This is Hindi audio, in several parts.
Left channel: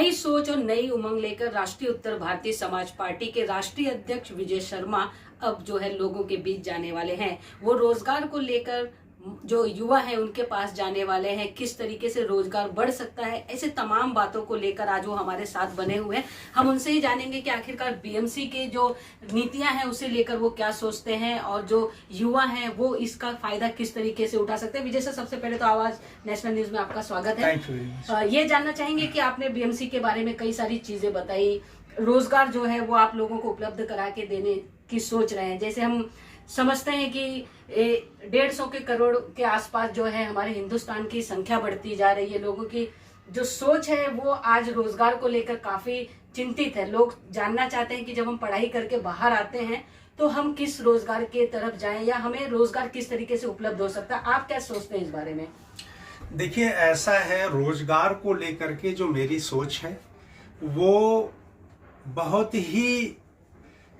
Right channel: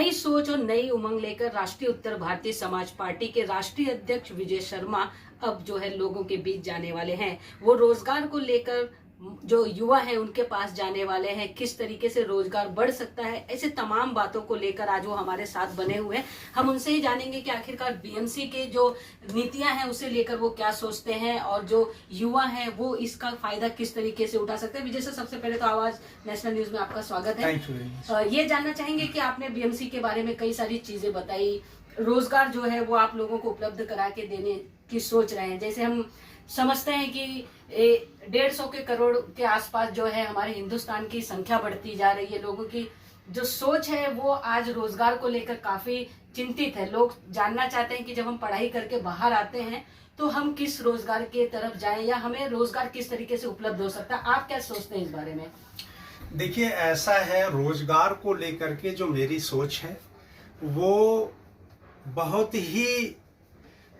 नई सोच और नई उमंग लेकर राष्ट्रीय उत्तर भारतीय समाज पार्टी के राष्ट्रीय अध्यक्ष विजय शर्मा अब जो है लोगों के बीच जाने वाले हैं। वो रोजगार को लेकर जो युवा है उनके पास जाने वाले हैं, किस तरीके से रोजगार बढ़ सकता है, ऐसे तमाम बातों को लेकर आज वो हमारे साथ बने हुए हैं। हम उनसे ही जानेंगे कि आखिरकार बीएमसी के जो नीतियां हैं उसे लेकर वो क्या सोचते हैं और जो युवा हैं वो इसका फायदा किस तरीके से उठा सकते हैं। विजय सर, सबसे पहले तो आवाज नेशनल न्यूज में आपका स्वागत है। ये जानना चाहेंगे कि आपने बीएमसी के बारे में कई सारी चीजें बताई, रोजगार जो है वो आप लोगों को उपलब्ध करा के देने की सोच रहे हैं। जैसे हम समझते हैं कि 150 करोड़ के आसपास जो है हमारे हिंदुस्तान की संख्या बढ़ती जा रही है, लोगों की जो सोच है वो आज रोजगार को लेकर काफी चिंतित है। लोग जानना चाहते हैं कि जब हम पढ़ाई करके बाहर आते हैं तो हम किस रोजगार के तरफ जाएं या हमें रोजगार किस तरीके से उपलब्ध हो सकता है। आप क्या सोचते हैं इस बारे में? देखिए, ऐसा है, रोजगार को लेकर के जो मेरी सोच है वो बहुत ही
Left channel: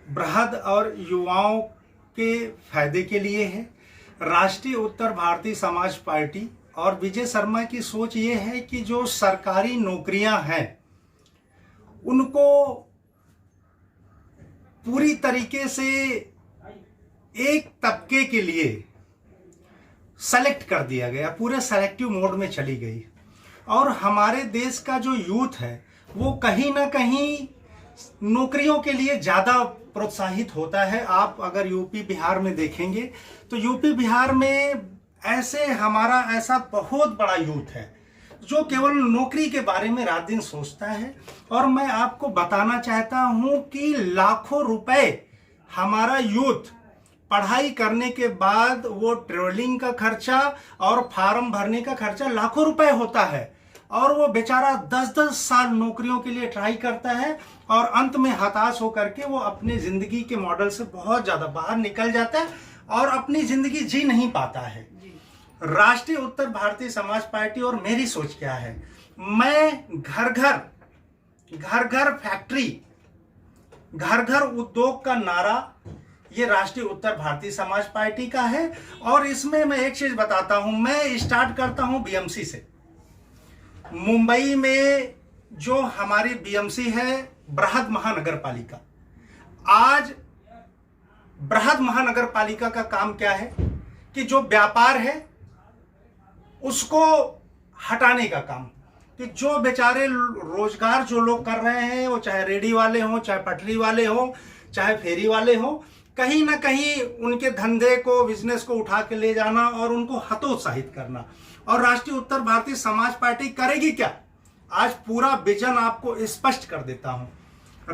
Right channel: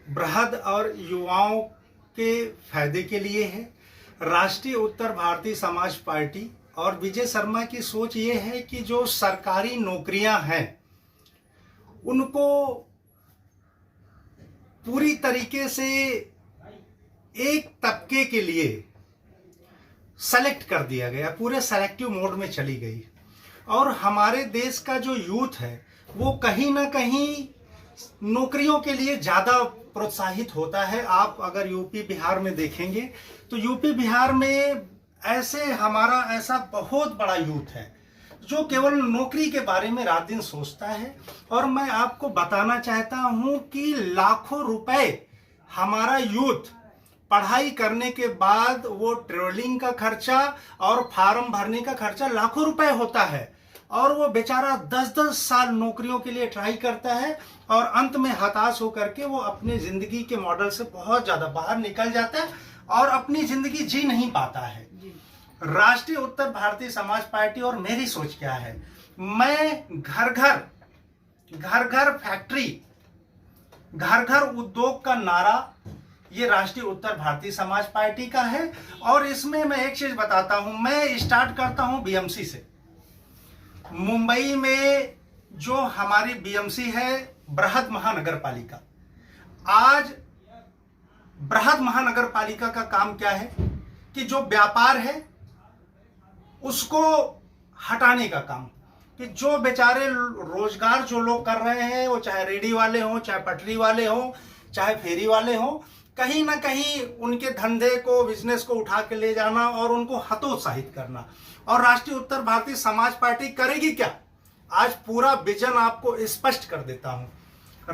बृहद और युवाओं के फायदे के लिए है। राष्ट्रीय उत्तर भारतीय समाज पार्टी और विजय शर्मा की सोच ये है कि जो सरकारी नौकरियां हैं उनको पूरी तरीके से एक तबके के लिए सेलेक्ट कर दिया गया, पूरे सेलेक्टिव मोड में चली गई। और हमारे देश का जो यूथ है वो कहीं ना कहीं नौकरियों के लिए ज्यादा प्रोत्साहित होता है। आप अगर यूपी बिहार में देखेंगे तो यूपी बिहार में हमारा ऐसा बहुत बड़ा यूथ है जो केवल नौकरी के बारे में रात दिन सोचता है। और मैं आपको बताना चाहता हूं कि लाखों रुपए हमारा यूथ पढ़ाई करने के बाद वो ट्रेवलिंग का खर्चा और फॉर्म भरने का खर्चा लाखों रुपए होता है, और वो बेचारा 10-10 साल नौकरियों के लिए ट्राई करता है और अंत में हताश होकर के वो अपनी जिंदगी के मॉडल से बहुत ज्यादा बाहर निकल जाता है और अपनी जिंदगी जी नहीं पाता है। राष्ट्रीय उत्तर भारतीय समाज पार्टी और मेरी सोच क्या है, मैं घर घर फैक्ट्री, घर घर उद्योग का नारा ये राष्ट्रीय उत्तर भारतीय समाज पार्टी का है। और इसमें मैं एक चीज बताता हूं, मैं स्टार्ट करता हूं बीएमसी से। मुंबई में जो हमारी बीएमसी है बृहद महानगर पालिका, आज बृहद महानगर पालिका का काम क्या है कि जो व्यापार है उसको हटाने का काम, कि जो बेचारे रोजगार जो लोग कर रहे हैं वो चाहे रेडी वाले हों, चाहे पटरी वाले हों, चाहे फेरी वाले हों, कहीं ना कहीं उनके धंधे को, बिजनेस को उठा के ले जाना और उनको हतोत्साहित करना। और राष्ट्रीय उत्तर भारतीय समाज पार्टी करेगी क्या, आज पूरा विजन आपको स्पष्ट कर देता हूं।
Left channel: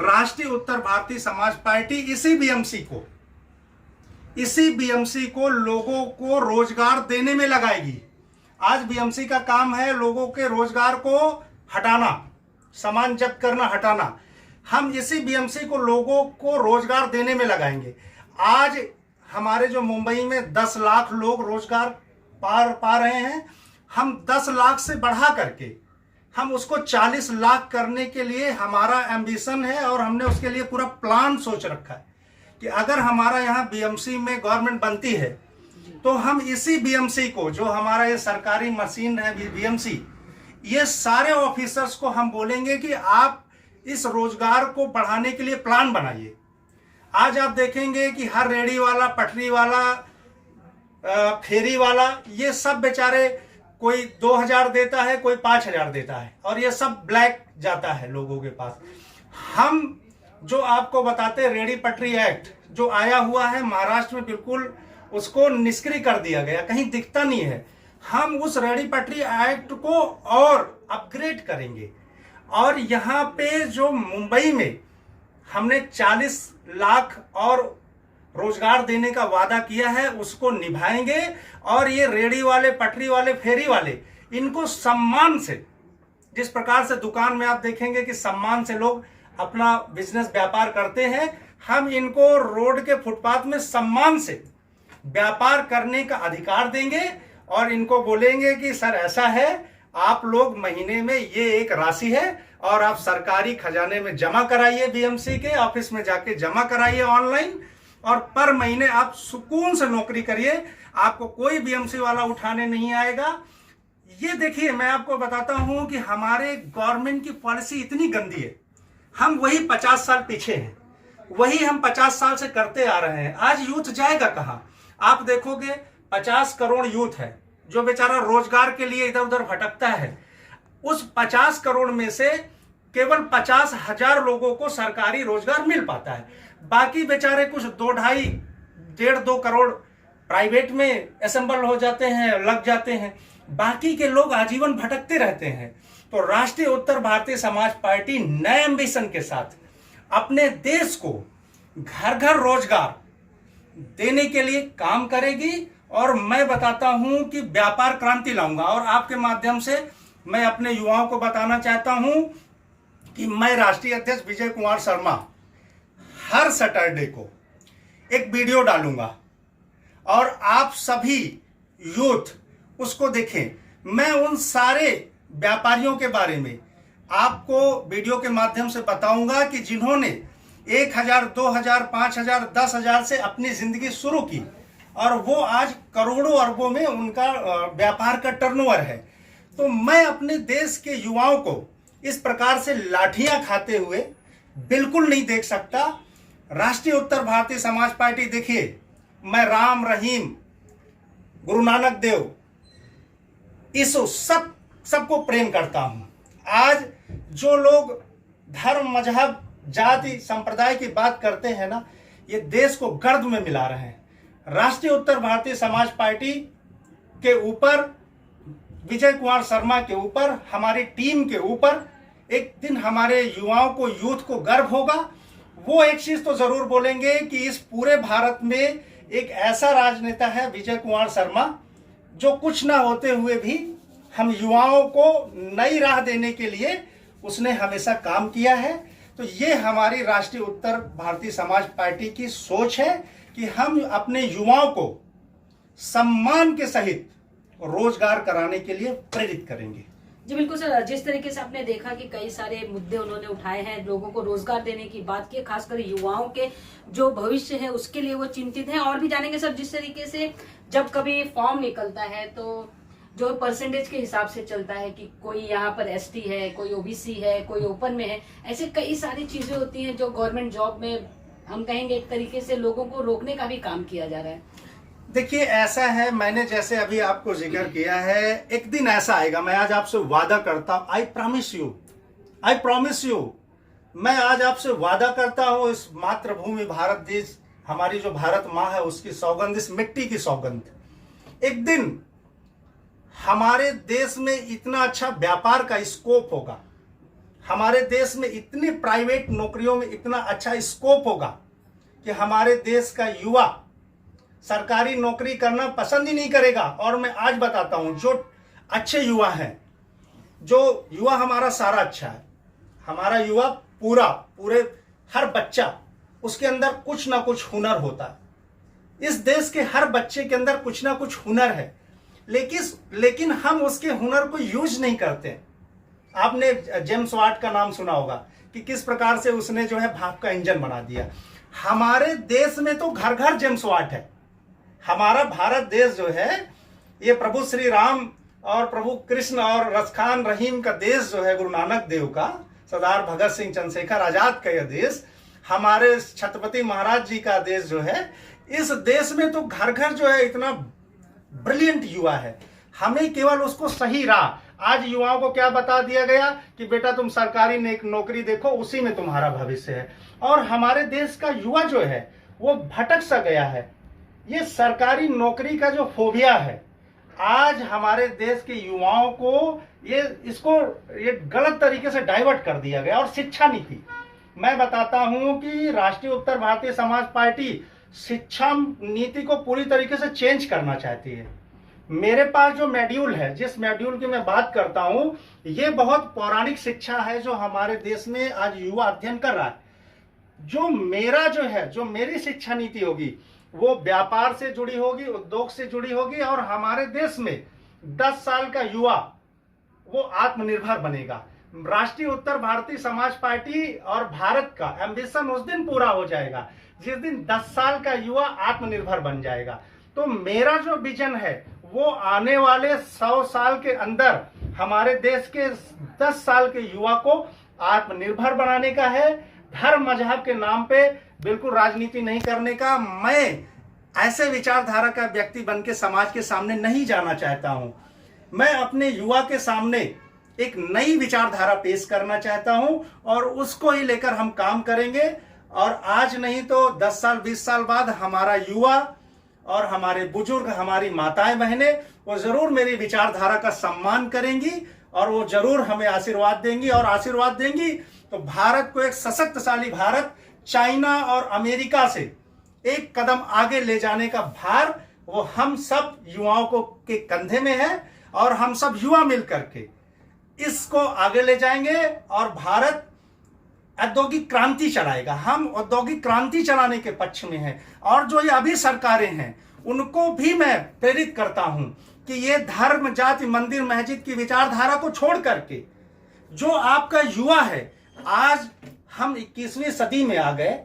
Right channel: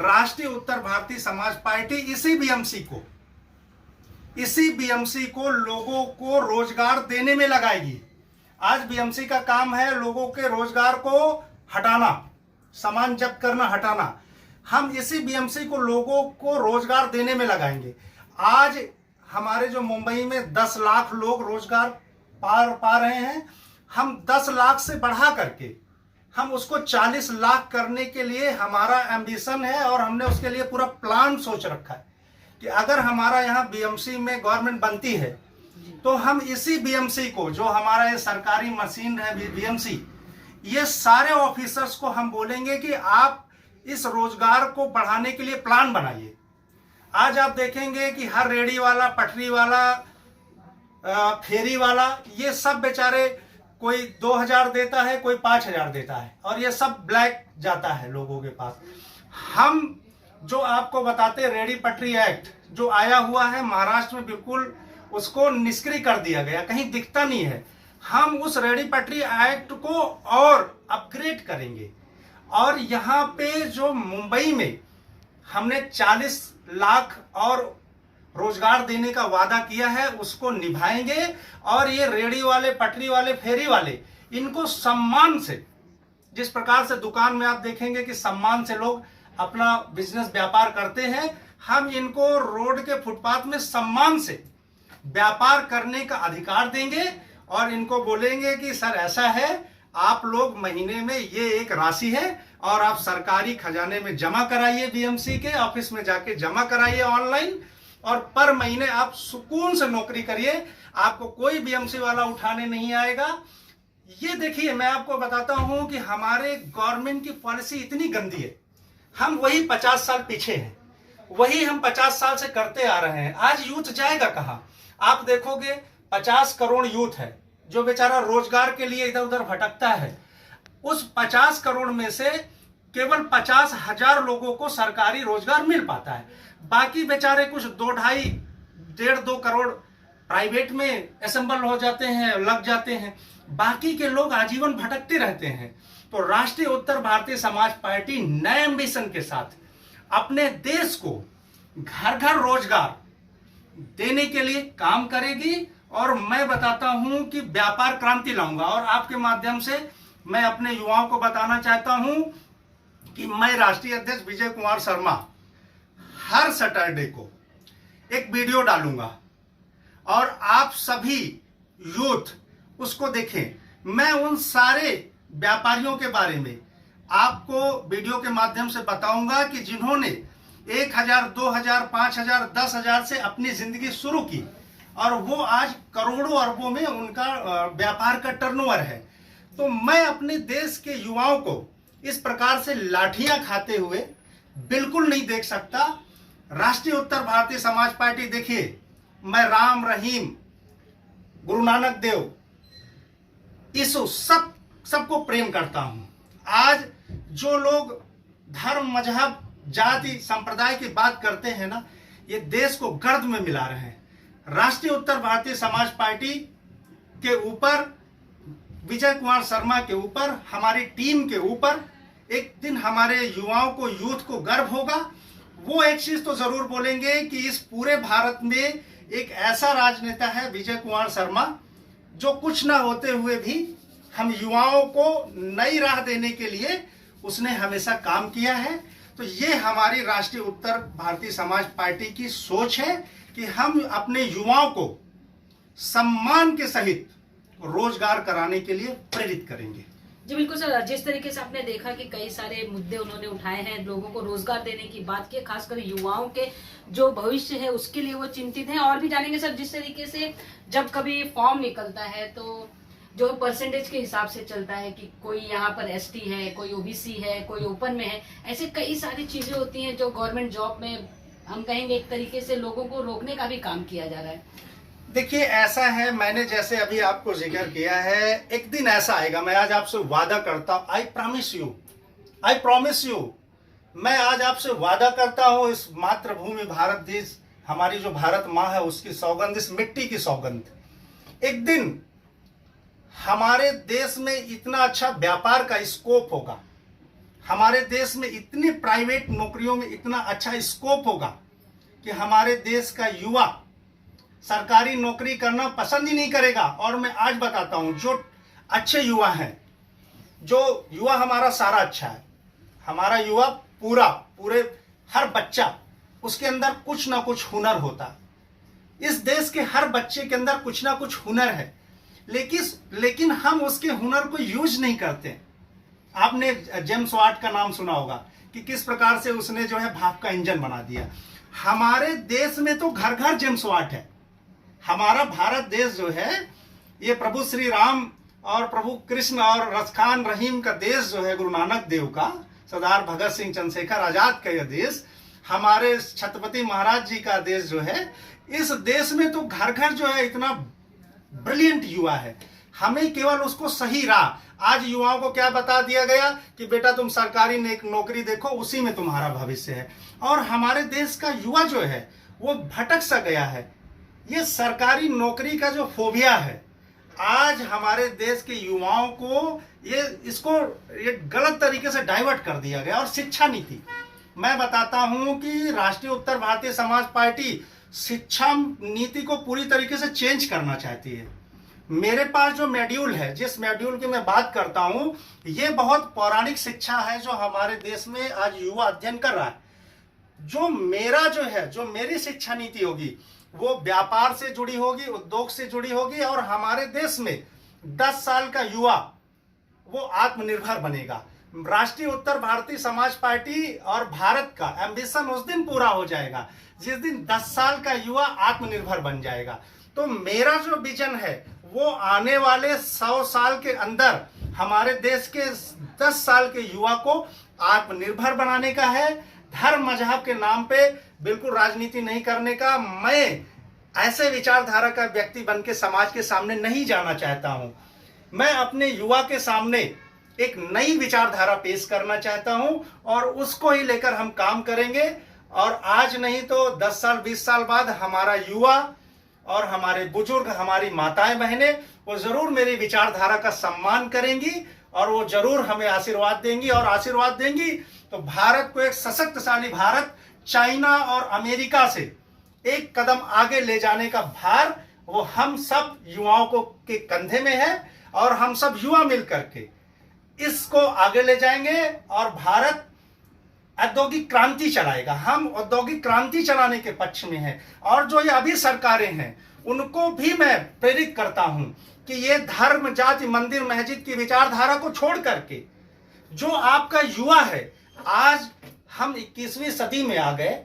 राष्ट्रीय उत्तर भारतीय समाज पार्टी इसी बीएमसी को लोगों को रोजगार देने में लगाएगी। आज बीएमसी का काम है लोगों के रोजगार को हटाना, सामान जब्त करना, हटाना। हम इसी बीएमसी को लोगों को रोजगार देने में लगाएंगे। आज हमारे जो मुंबई में 10 लाख लोग रोजगार पा रहे हैं, हम 10 लाख से बढ़ा करके हम उसको 40 लाख करने के लिए हमारा एम्बिशन है और हमने उसके लिए पूरा प्लान सोच रखा है कि अगर हमारा यहाँ बीएमसी में गवर्नमेंट बनती है तो हम इसी बीएमसी को, जो हमारा ये सरकारी मशीन है बीएमसी, ये सारे ऑफिसर्स को हम बोलेंगे कि आप इस रोजगार को बढ़ाने के लिए प्लान बनाइए। आज आप देखेंगे कि हर रेडी वाला, पटरी वाला, फेरी वाला, ये सब बेचारे कोई 2000 देता है, कोई 5000 देता है, और ये सब ब्लैक जाता है लोगों के पास। हम जो आपको बताते, रेडी पटरी एक्ट जो आया हुआ है महाराष्ट्र में, बिल्कुल उसको निष्क्रिय कर दिया गया, कहीं दिखता नहीं है। हम उस रेडी पटरी एक्ट को और अपग्रेड करेंगे। और यहाँ पे जो मुंबई में हमने 40 लाख और रोजगार देने का वादा किया है उसको निभाएंगे। और ये रेडी वाले, पटरी वाले, फेरी वाले, इनको सम्मान से, जिस प्रकार से दुकान में आप देखेंगे कि सम्मान से लोग अपना बिजनेस व्यापार करते हैं, हम इनको रोड के फुटपाथ में सम्मान से व्यापार करने का अधिकार देंगे। और इनको बोलेंगे कि सर ऐसा है, आप लोग महीने में ये एक राशि है और आप सरकारी खजाने में जमा कराइए, बीएमसी के ऑफिस में जाके जमा कराइए ऑनलाइन, और पर महीने आप सुकून से नौकरी करिए, आपको कोई बीएमसी वाला उठाने नहीं आएगा। ये देखिए, मैं आपको बताता हूं कि हमारे गवर्नमेंट की पॉलिसी इतनी गंदी है। हम वही 50 साल पीछे हैं, वही हम 50 साल से करते आ रहे हैं। आज यूथ जाएगा कहां? आप देखोगे 50 करोड़ यूथ है जो बेचारा रोजगार के लिए इधर उधर भटकता है। उस 50 करोड़ में से केवल 50,000 लोगों को सरकारी रोजगार मिल पाता है। बाकी बेचारे कुछ 2.5-1.5-2 करोड़ प्राइवेट में असेंबल हो जाते हैं, लग जाते हैं। बाकी के लोग आजीवन भटकते रहते हैं। तो राष्ट्रीय उत्तर भारतीय समाज पार्टी नए एम्बिशन के साथ अपने देश को घर घर रोजगार देने के लिए काम करेगी। और मैं बताता हूं कि व्यापार क्रांति लाऊंगा। और आपके माध्यम से मैं अपने युवाओं को बताना चाहता हूं कि मैं राष्ट्रीय अध्यक्ष विजय कुमार शर्मा हर सैटरडे को एक वीडियो डालूंगा और आप सभी यूथ उसको देखें। मैं उन सारे व्यापारियों के बारे में आपको वीडियो के माध्यम से बताऊंगा कि जिन्होंने 1,000, 2,000, 5,000, 10,000 से अपनी जिंदगी शुरू की और वो आज करोड़ों अरबों में उनका व्यापार का टर्नओवर है। तो मैं अपने देश के युवाओं को इस प्रकार से लाठियां खाते हुए बिल्कुल नहीं देख सकता। राष्ट्रीय उत्तर भारतीय समाज पार्टी, देखिए, मैं राम, रहीम, गुरु नानक देव, यीशु सबको प्रेम करता हूं। आज जो लोग धर्म, मजहब, जाति, संप्रदाय की बात करते हैं ना, ये देश को गर्द में मिला रहे हैं। राष्ट्रीय उत्तर भारतीय समाज पार्टी के ऊपर, विजय कुमार शर्मा के ऊपर, हमारी टीम के ऊपर एक दिन हमारे युवाओं को, यूथ को गर्व होगा। वो एक चीज तो जरूर बोलेंगे कि इस पूरे भारत में एक ऐसा राजनेता है विजय कुमार शर्मा, जो कुछ ना होते हुए भी हम युवाओं को नई राह देने के लिए उसने हमेशा काम किया है। तो ये हमारी राष्ट्रीय उत्तर भारतीय समाज पार्टी की सोच है कि हम अपने युवाओं को सम्मान के सहित रोजगार कराने के लिए प्रेरित करेंगे। जी बिल्कुल सर, जिस तरीके से आपने देखा कि कई सारे मुद्दे उन्होंने उठाए हैं, लोगों को रोजगार देने की बात की, खासकर युवाओं के जो भविष्य है उसके लिए वो चिंतित हैं। और भी जानेंगे सर, जिस तरीके से जब कभी फॉर्म निकलता है तो जो परसेंटेज के हिसाब से चलता है कि कोई यहाँ पर एसटी है, कोई ओबीसी है, कोई ओपन में है, ऐसे कई सारी चीजें होती हैं जो गवर्नमेंट जॉब में हम कहेंगे एक तरीके से लोगों को रोकने का भी काम किया जा रहा है। देखिए, ऐसा है, मैंने जैसे अभी आपको जिक्र किया है, एक दिन ऐसा आएगा, मैं आज आपसे वादा करता हूं, आई प्रॉमिस यू, मैं आज आपसे वादा करता हूं, इस मातृभूमि भारत देश, हमारी जो भारत माँ है, उसकी सौगंध, इस मिट्टी की सौगंध, एक दिन हमारे देश में इतना अच्छा व्यापार का स्कोप होगा, हमारे देश में इतनी प्राइवेट नौकरियों में इतना अच्छा स्कोप होगा कि हमारे देश का युवा सरकारी नौकरी करना पसंद ही नहीं करेगा। और मैं आज बताता हूं, जो अच्छे युवा हैं, जो युवा हमारा सारा अच्छा है, हमारा युवा पूरे हर बच्चा, उसके अंदर कुछ ना कुछ हुनर होता है। इस देश के हर बच्चे के अंदर कुछ ना कुछ हुनर है, लेकिन हम उसके हुनर को यूज नहीं करते। आपने जेम्स वाट का नाम सुना होगा कि किस प्रकार से उसने जो है भाप का इंजन बना दिया। हमारे देश में तो घर घर जेम्स वाट है। हमारा भारत देश जो है, ये प्रभु श्री राम और प्रभु कृष्ण और रसखान रहीम का देश जो है, गुरु नानक देव का, सरदार भगत सिंह, चंद्रशेखर आजाद का यह देश, हमारे छत्रपति महाराज जी का देश जो है, इस देश में तो घर घर जो है इतना ब्रिलियंट युवा है। हमें केवल उसको सही राह, आज युवाओं को क्या बता दिया गया कि बेटा तुम सरकारी नौकरी देखो, उसी में तुम्हारा भविष्य है। और हमारे देश का युवा जो है वो भटक सा गया है। ये सरकारी नौकरी का जो फोबिया है, आज हमारे देश के युवाओं को ये गलत तरीके से डाइवर्ट कर दिया गया। और शिक्षा नीति, मैं बताता हूं कि राष्ट्रीय उत्तर भारतीय समाज पार्टी शिक्षा नीति को पूरी तरीके से चेंज करना चाहती है। मेरे पास जो मॉड्यूल है, जिस मॉड्यूल की मैं बात करता हूं, ये बहुत पौराणिक शिक्षा है जो हमारे देश में आज युवा अध्ययन कर रहा है। जो मेरी शिक्षा नीति होगी वो व्यापार से जुड़ी होगी, उद्योग से जुड़ी होगी, और हमारे देश में 10 साल का युवा वो आत्मनिर्भर बनेगा। राष्ट्रीय उत्तर भारतीय समाज पार्टी और भारत का एम्बिशन उस दिन पूरा हो जाएगा जिस दिन 10 साल का युवा आत्मनिर्भर बन जाएगा। तो मेरा जो विजन है वो आने वाले 100 साल के अंदर हमारे देश के 10 साल के युवा को आत्मनिर्भर बनाने का है। धर्म मजहब के नाम पे बिल्कुल राजनीति नहीं करने का। मैं ऐसे विचारधारा का व्यक्ति बन के समाज के सामने नहीं जाना चाहता हूं। मैं अपने युवा के सामने एक नई विचारधारा पेश करना चाहता हूं और उसको ही लेकर हम काम करेंगे। और आज नहीं तो 10 साल 20 साल बाद हमारा युवा और हमारे बुजुर्ग, हमारी माताएं बहनें, वो जरूर मेरी विचारधारा का सम्मान करेंगी और वो जरूर हमें आशीर्वाद देंगी। और आशीर्वाद देंगी तो भारत को एक सशक्तशाली भारत, चाइना और अमेरिका से एक कदम आगे ले जाने का भार वो हम सब युवाओं को के कंधे में है। और हम सब युवा मिलकर के इसको आगे ले जाएंगे और भारत औद्योगिक क्रांति चलाएगा। हम औद्योगिक क्रांति चलाने के पक्ष में हैं। और जो ये अभी सरकारें हैं उनको भी मैं प्रेरित करता हूं कि ये धर्म, जाति, मंदिर, मस्जिद की विचारधारा को छोड़ करके जो आपका युवा है, आज हम 21वीं सदी में आ गए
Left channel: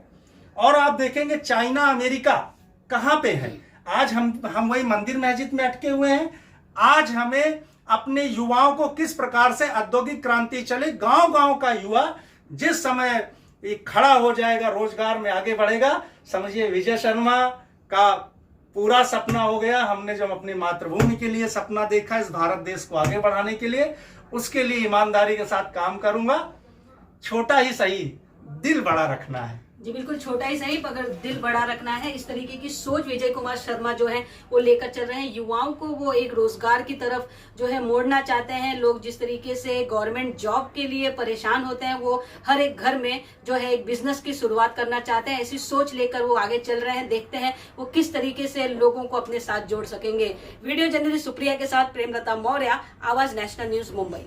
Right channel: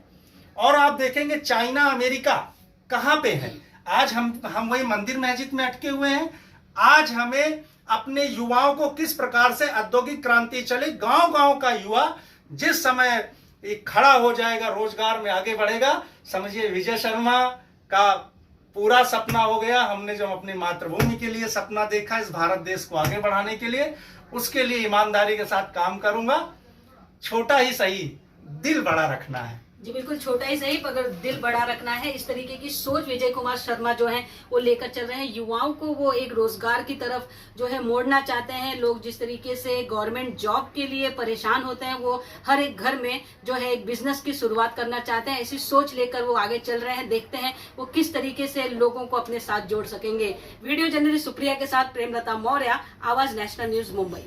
और आप देखेंगे चाइना, अमेरिका कहां पे है। आज हम वही मंदिर मस्जिद में अटके हुए हैं। आज हमें अपने युवाओं को किस प्रकार से औद्योगिक क्रांति चले, गांव-गांव का युवा जिस समय खड़ा हो जाएगा, रोजगार में आगे बढ़ेगा, समझिए विजय शर्मा का पूरा सपना हो गया। हमने जो अपनी मातृभूमि के लिए सपना देखा, इस भारत देश को आगे बढ़ाने के लिए, उसके लिए ईमानदारी के साथ काम करूंगा। छोटा ही सही, दिल बड़ा रखना है। जी बिल्कुल, छोटा ही सही मगर दिल बड़ा रखना है। इस तरीके की सोच विजय कुमार शर्मा जो है वो लेकर चल रहे हैं। युवाओं को वो एक रोजगार की तरफ जो है मोड़ना चाहते हैं। लोग जिस तरीके से गवर्नमेंट जॉब के लिए परेशान होते हैं, वो हर एक घर में जो है एक बिजनेस की शुरुआत करना चाहते हैं। ऐसी सोच लेकर वो आगे चल रहे हैं। देखते हैं वो किस तरीके से लोगों को अपने साथ जोड़ सकेंगे। वीडियो जर्नलिस्ट सुप्रिया के साथ प्रेमलता मौर्य, आवाज नेशनल न्यूज, मुंबई।